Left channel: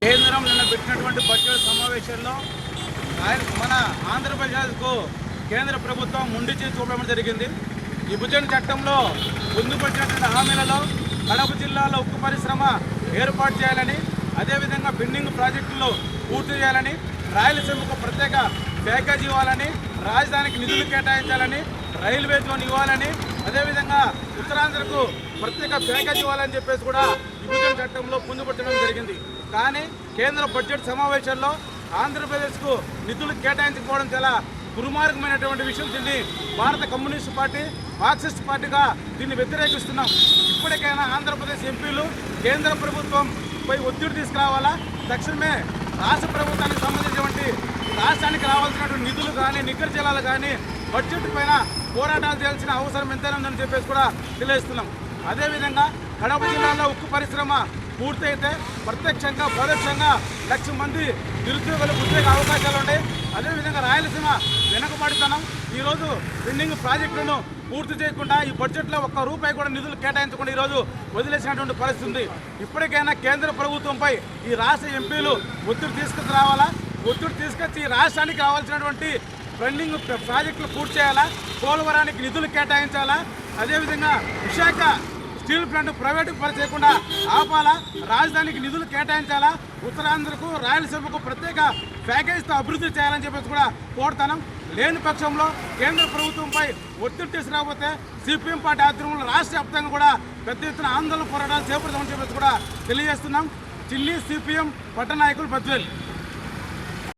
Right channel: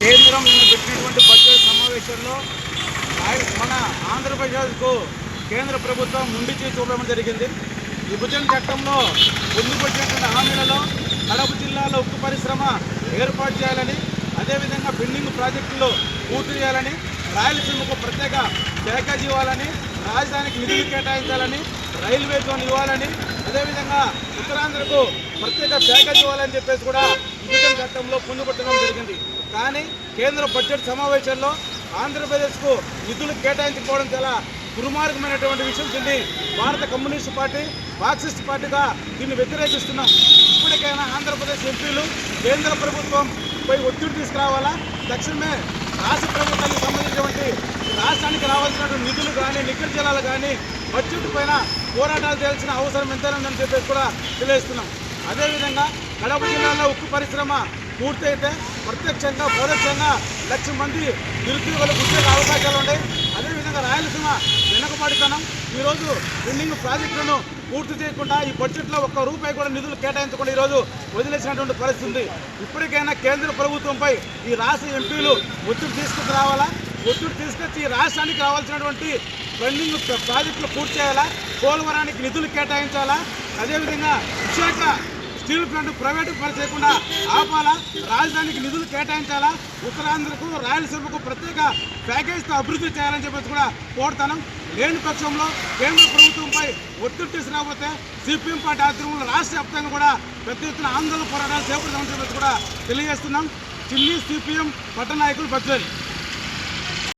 కేంద్రం నిన్న పెట్టినటువంటి బడ్జెట్ సమావేశంలో మన ఆంధ్రప్రదేశ్కు కేంద్ర ప్రభుత్వం ముందు చేసి చూపడం జరిగింది. విభజన చట్టంలో పొందుపరిచినటువంటి హామీలలో కడప జిల్లాలో ఉక్కు పరిశ్రమ ఏర్పాటు చేయాలని, అదేవిధంగా పెండింగ్ ప్రాజెక్టుల్లో పూర్తి చేయాలని, రాయలసీమకు ప్రత్యేక ప్యాకేజ్ ఇవ్వాలని, రాజధానికి నిధులు కేటాయించాలని, రైల్వే జోన్ ఇవ్వాలని, అదేవిధంగా ఉత్తరాంధ్రకు ప్రత్యేక ప్యాకేజ్ ఇవ్వాలని చెప్పేసి కూడా విభజన చట్టంలో పొందుపరచడం జరిగింది. కానీ కేంద్ర బడ్జెట్ సమావేశంలో ఆంధ్రప్రదేశ్కు నిధులు కేటాయించకపోవడం చాలా దుర్మార్గమైనటువంటి విషయం. దీన్ని భారత కమ్యూనిస్టు పార్టీ, మార్క్సిస్ట్ పార్టీగా దీన్ని వ్యతిరేకిస్తున్నాం. ఇప్పటికైనా ఆంధ్రప్రదేశ్ ఎంపీలు కేంద్ర ప్రభుత్వంపై ఒత్తిడి తీసుకురావాలా, తక్షణమే రాష్ట్ర ప్రభుత్వానికి సంబంధించినటువంటి రాష్ట్రానికి రావాల్సినటువంటి నిధులు కానీ, నిక్కర జిల్లాలు కానీ బడ్జెట్ పైన పోరాటాలు చేయాల్సిన అవసరం ఎంతైనా ఉందని చెప్పేసి కూడా తెలియజేస్తున్నాం. అదేవిధంగా కడప జిల్లాలో ఉక్కు పరిశ్రమ పూర్తయితే ప్రత్యక్షంగా పరోక్షంగా 1,00,000 మంది నిరుద్యోగులు ఉద్యోగ అవకాశాలు ఉన్నాయి. అదేవిధంగా రాయలసీమ వెనుకబడితనం ఈరోజు పెండింగ్ ప్రాజెక్టులను పూర్తి చేయకుండా ఈ బడ్జెట్లో ఒక్క రూపాయి కూడా నిధులు కేటాయించకుండా ఈరోజు వదిలేసినటువంటి పరిస్థితి ఉంది. ఇప్పటికైనా కేంద్ర ప్రభుత్వంపై ఈ రాష్ట్ర ఎంపీలు ఒత్తిడి తీసుకురావాలా, ఒత్తిడి తీసుకొచ్చి ఈ రాష్ట్రానికి రావాల్సినటువంటి పెండింగ్ ప్రాజెక్టులు పూర్తి చేయాలా, పోలవరానికి నిధులు కేటాయించాలా, అదేవిధంగా విశాఖ స్టీల్ ప్లాంట్ ప్రైవేటు చేయకుండా ఆపాలా, రాజధానికి నిధులు కేటాయించాలా, ఉత్తరాంధ్రకు రాయలసీమకు ప్రత్యేక ప్యాకేజీతో అభివృద్ధి చేయాలని చెప్పేసి కూడా కోరుతాను. లేని పక్షంలో కేంద్ర ప్రభుత్వంపై ఒత్తిడి తీసుకురాకపోతే సిపిఎం పార్టీ ఆధ్వర్యంలో రాష్ట్ర వ్యాప్తంగా కూడా పెద్ద ఎత్తున ఆందోళన పోరాటాలు చేపడతామని చెప్పేసి కూడా తెలియజేస్తున్నాం. చిన్ని సిపిఎం పట్టణ నాయకులు బద్వేల్.